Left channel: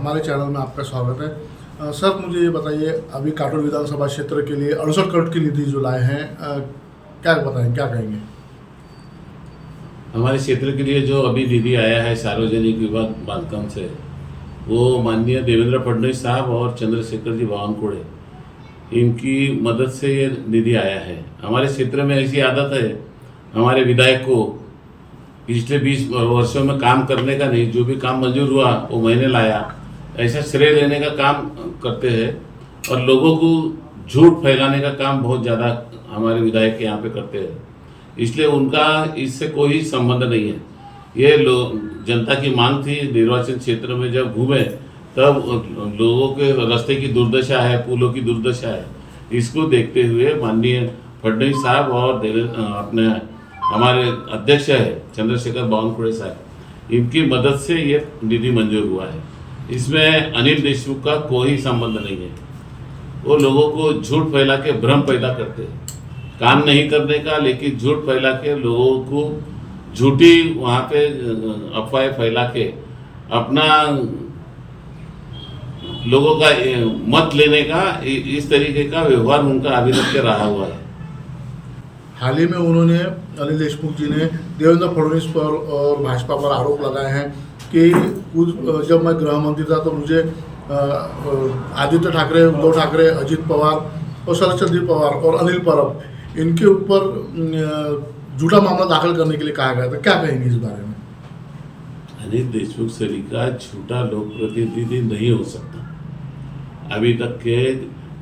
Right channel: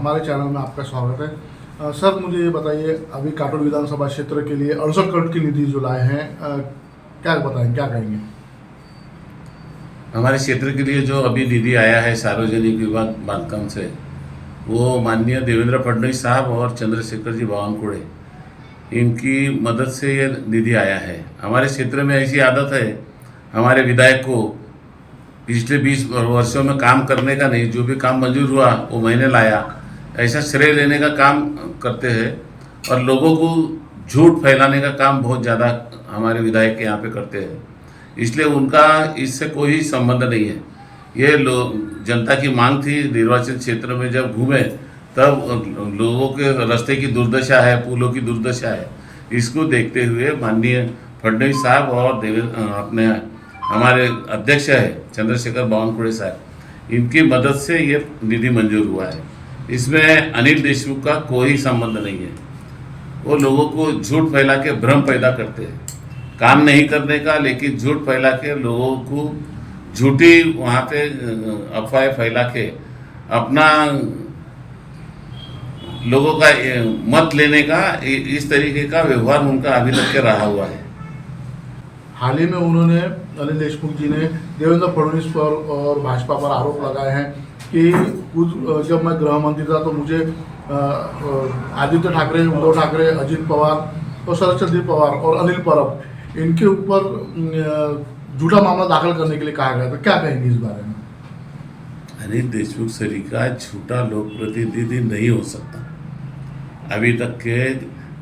हमारे चैनल में आपका स्वागत है। सर मुझे ये बताइए, अभी काटोल विधानसभा क्षेत्र के लिए 68 करोड़ की निधि जो लाए हैं, क्या बताएं, क्या कहेंगे? हमारे क्षेत्र के लिए जो अभी निधि आया है सार्वजनिक विभाग बांधकाम से, वो माननीय देवेंद्र फडणवीस साहब और चंद्रशेखर जी बावनकुळे इनकी मदद से ये निधि आया है। हमारे क्षेत्र में ऐसी आदत है हमारे विधायक को पिछले 20 वर्षों में काम करने का नहीं, जो भी काम मंजूर हुआ वो मैंने लाया, ऐसा श्रेय लेने का काम करते हैं और लोगों को झूठ फैलाने का काम बहुत ज़्यादा हमारे विधायक के यहाँ पे करते हैं। इसलिए उनका इससे कोई संबंध नहीं है। ये जनता की मांग थी, निर्वाचन क्षेत्र में जब घूमे तब लोगों के रास्ते की दुर्दशा है, पुलों की दुर्दशा है, इसको देखते हुए माननीय फडणवीस साहब और अपने हमारे अध्यक्ष है चंद्रशेखर बावनकुळे साहब, इनकी मदद से ये निधि मंजूर हुआ है। इसमें अनिल देशमुख का कोई संबंध नहीं है। वो लोगों को झूठ फैला के भ्रम पैदा करते हैं, काम नहीं करने का, लेकिन झूठ फैला के लोगों को झूठी वहाँ पे अफवाहें फैला के अपना लोगों का मत लेने का इस तरीके का व्यवहार उनका अभी तक के रहा हुआ है। हाल ही में उन्होंने, अनिल देशमुख जी ने देवेंद्र फडणवीस पर और भाजपा पर आरोप लगाए हैं कि जब मैं गृह मंत्री था तो मुझे आदित्य ठाकरे, उद्धव ठाकरे, अजित पवार और शरद पवार और अनिल परब, इनके ऊपर झूठा मामला दाखिल करने के लिए कहा गया था। क्या कहेंगे इस बारे में? अनिल देशमुख सरी का झूठा लोक प्रतिनिधि नहीं हो सकता। अभी तक के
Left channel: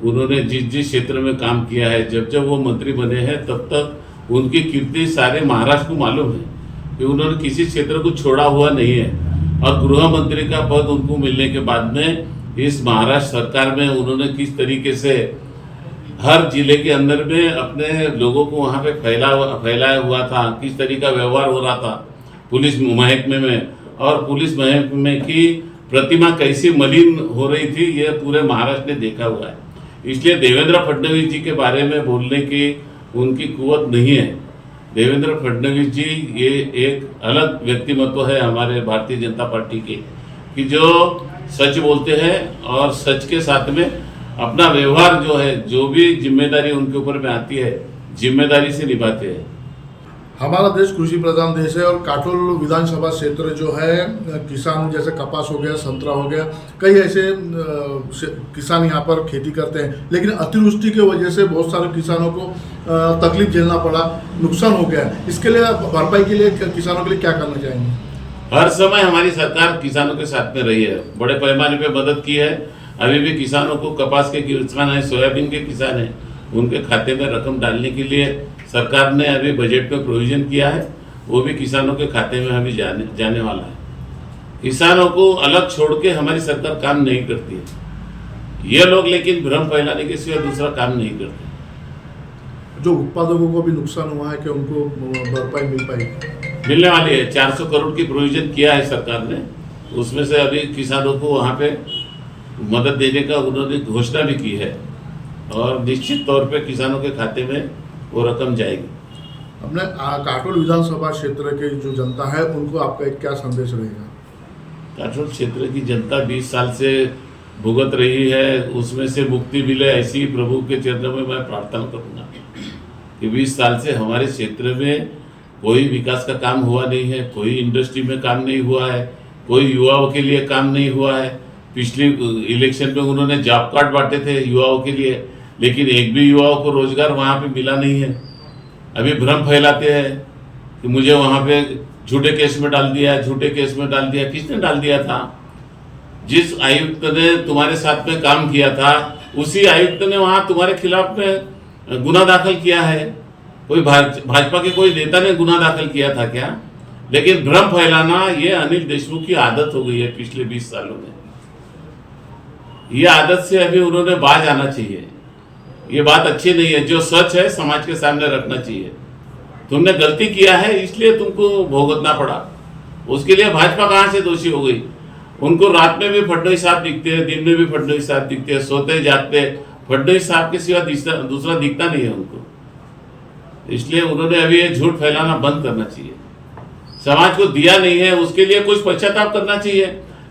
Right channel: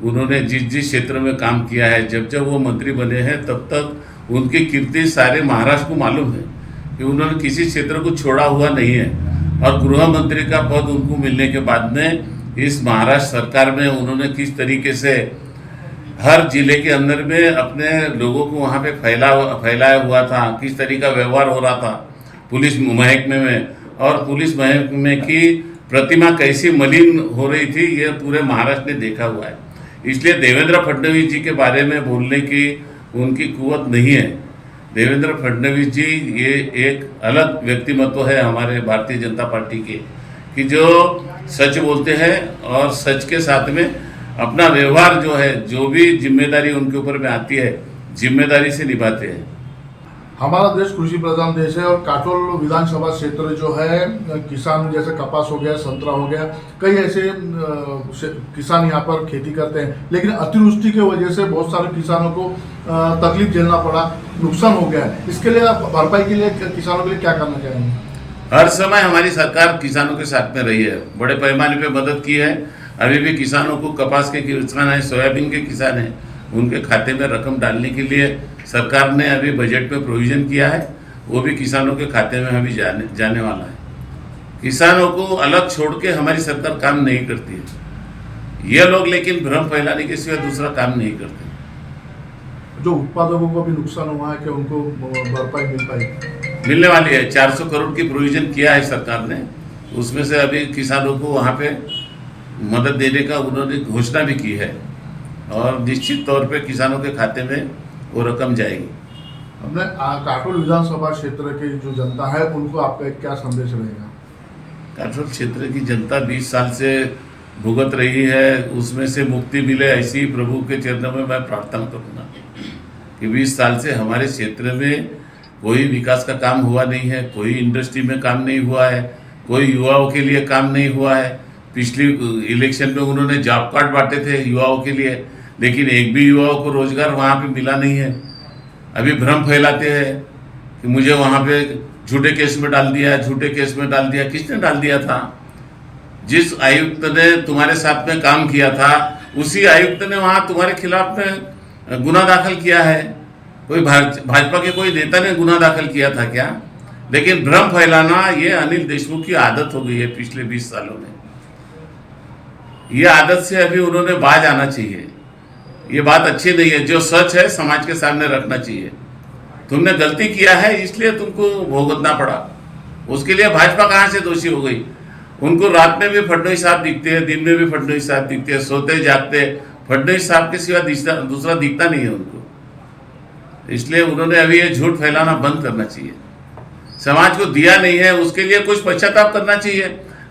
उन्होंने जिस जिस क्षेत्र में काम किया है, जब जब वो मंत्री बने हैं, तब तक उनकी कीर्ति सारे महाराष्ट्र को मालूम है कि उन्होंने किसी क्षेत्र को छोड़ा हुआ नहीं है। और गृह मंत्री का पद उनको मिलने के बाद में इस महाराष्ट्र सरकार में उन्होंने किस तरीके से हर जिले के अंदर में अपने लोगों को वहाँ पे फैलाया हुआ था, किस तरीके का व्यवहार हो रहा था पुलिस महकमे में, और पुलिस महकमे की प्रतिमा कैसी मलिन हो रही थी, ये पूरे महाराष्ट्र ने देखा हुआ है। इसलिए देवेंद्र फडणवीस जी के बारे में बोलने की उनकी कुवत नहीं है। देवेंद्र फडणवीस जी ये एक अलग व्यक्तिमत्व है हमारे भारतीय जनता पार्टी के, कि जो सच बोलते हैं और सच के साथ में अपना व्यवहार जो है, जो भी जिम्मेदारी उनके ऊपर में आती है, जिम्मेदारी से निभाते हैं। हमारा देश कृषि प्रधान देश है और काटोल विधानसभा क्षेत्र जो है, किसान जैसे कपास हो गया, संतरा हो गया, कई ऐसे किसान यहाँ पर खेती करते हैं, लेकिन अतिवृष्टि की वजह से बहुत सारे किसानों को तकलीफ झेलना पड़ा, नुकसान हो गया। इसके लिए भरपाई के लिए किसानों के लिए क्या करना चाहेंगे? हर समय हमारी सरकार किसानों के साथ में रही है, बड़े पैमाने पे मदद की है। अभी भी किसानों को, कपास के किसान हैं, सोयाबीन के किसान हैं, उनके खाते में रकम डालने के लिए सरकार ने अभी बजट में प्रोविज़न किया है, वो भी किसानों के खाते में अभी जाने वाला है। किसानों को अलग छोड़ के हमारी सरकार काम नहीं करती है। ये लोग लेकिन भ्रम फैलाने के सिवा दूसरा काम नहीं करते। जो उत्पादकों को भी नुकसान हुआ है, कि उनको भरपाई मिल पाएगी? मिलने वाली है। 400 करोड़ की प्रोविज़न किया है सरकार ने, उसमें से अभी किसानों को वहाँ पे मदद देने का उन्होंने घोषणा भी की है और निश्चित तौर पे किसानों के खाते में वो रकम जाएगी। अपने काटोल विधानसभा क्षेत्र की जो जनता है, उनको आपका एक क्या संदेश रहेगा? काटोल क्षेत्र की जनता 20 साल से भुगत रही है, उसमें से मुक्ति मिले, ऐसी प्रभु के चरणों में मैं प्रार्थना करूँगा कि 20 साल से हमारे क्षेत्र में कोई विकास का काम हुआ नहीं है, कोई इंडस्ट्री में काम नहीं हुआ है, कोई युवाओं के लिए काम नहीं हुआ है। पिछली इलेक्शन में उन्होंने जॉब कार्ड बांटे थे युवाओं के लिए, लेकिन एक भी युवाओं को रोजगार वहाँ पे मिला नहीं है। अभी भ्रम फैलाते हैं कि मुझे वहाँ पे झूठे केस में डाल दिया, झूठे केस में डाल दिया। किसने डाल दिया था? जिस आयुक्त ने तुम्हारे साथ में काम किया था, उसी आयुक्त ने वहाँ तुम्हारे खिलाफ में गुना दाखिल किया है। कोई भाजपा के कोई नेता ने गुना दाखिल किया था क्या? लेकिन भ्रम फैलाना ये अनिल देशमुख की आदत हो गई है पिछले 20 सालों में। ये आदत से अभी उन्होंने बाज आना चाहिए। ये बात अच्छी नहीं है। जो सच है समाज के सामने रखना चाहिए। तुमने गलती किया है इसलिए तुमको भुगतना पड़ा, उसके लिए भाजपा कहाँ से दोषी हो गई? उनको रात में भी फडणवीस साहब दिखते हैं, दिन में भी फडणवीस साहब दिखते हैं, सोते जागते फडणवीस साहब के सिवा दूसरा दिखता नहीं है उनको। इसलिए उन्होंने अभी ये झूठ फैलाना बंद करना चाहिए। समाज को दिया नहीं है, उसके लिए कुछ पश्चाताप करना चाहिए।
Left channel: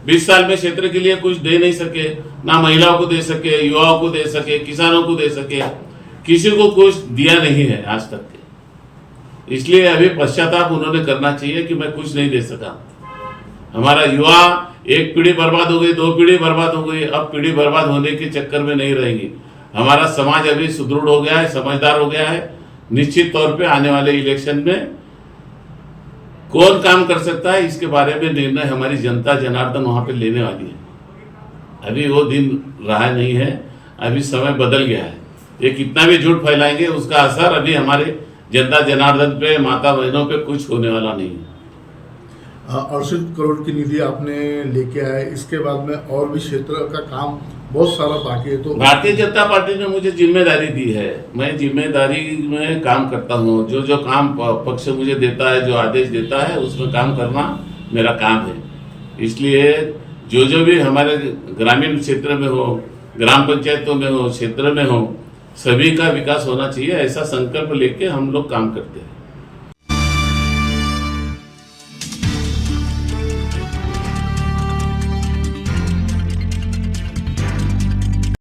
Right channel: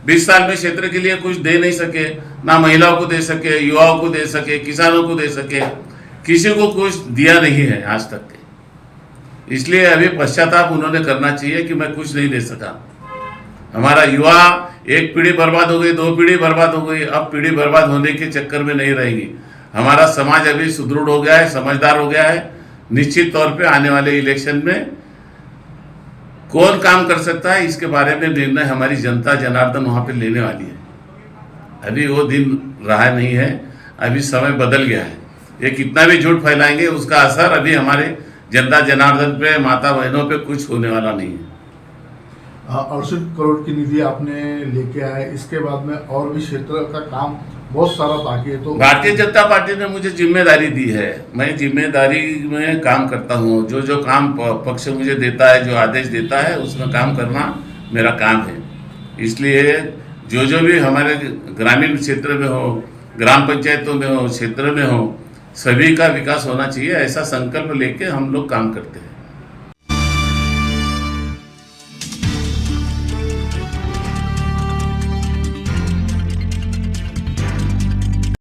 20 साल में क्षेत्र के लिए कुछ दे नहीं सके, ना महिलाओं को दे सके, युवाओं को दे सके, किसानों को दे सके, किसी को कुछ दिया नहीं है आज तक के। इसलिए अभी पश्चाताप उन्होंने करना चाहिए कि मैं कुछ नहीं दे सका। हमारा युवा, एक पीढ़ी बर्बाद हो गई, 2 पीढ़ी बर्बाद हो गई, अब पीढ़ी बर्बाद होने के चक्कर में नहीं रहेंगी। हमारा समाज अभी सुदृढ़ हो गया है, समझदार हो गया है। निश्चित तौर पे आने वाले इलेक्शन में कौन काम कर सकता है इसके बारे में निर्णय हमारी जनता जनार्दन वहाँ पे लेने वाली है। अभी वो दिन रहा नहीं है, अभी समय बदल गया है। ये कितना भी झूठ फैलाएंगे उसका असर अभी हमारे जनता जनार्दन पे, माता बहनों पे कुछ होने वाला नहीं है। 68 करोड़ की निधि आपने लेके आए, इसके बाद में और भी क्षेत्र का काम बहुत सारा बाकी है। तो भारतीय जनता पार्टी ने मुझे जिम्मेदारी दी है, मैं जिम्मेदारी में काम करता हूँ। जो जो काम पक्ष मुझे देता है, जो आदेश देता है, उसमें काम करना मेरा काम है। इसलिए जो जो भी हमारे ग्रामीण क्षेत्र में हो, ग्राम पंचायतों में हो, क्षेत्र में हो, सभी का विकास होना चाहिए, ऐसा संकल्प लेके हम लोग काम करते हैं।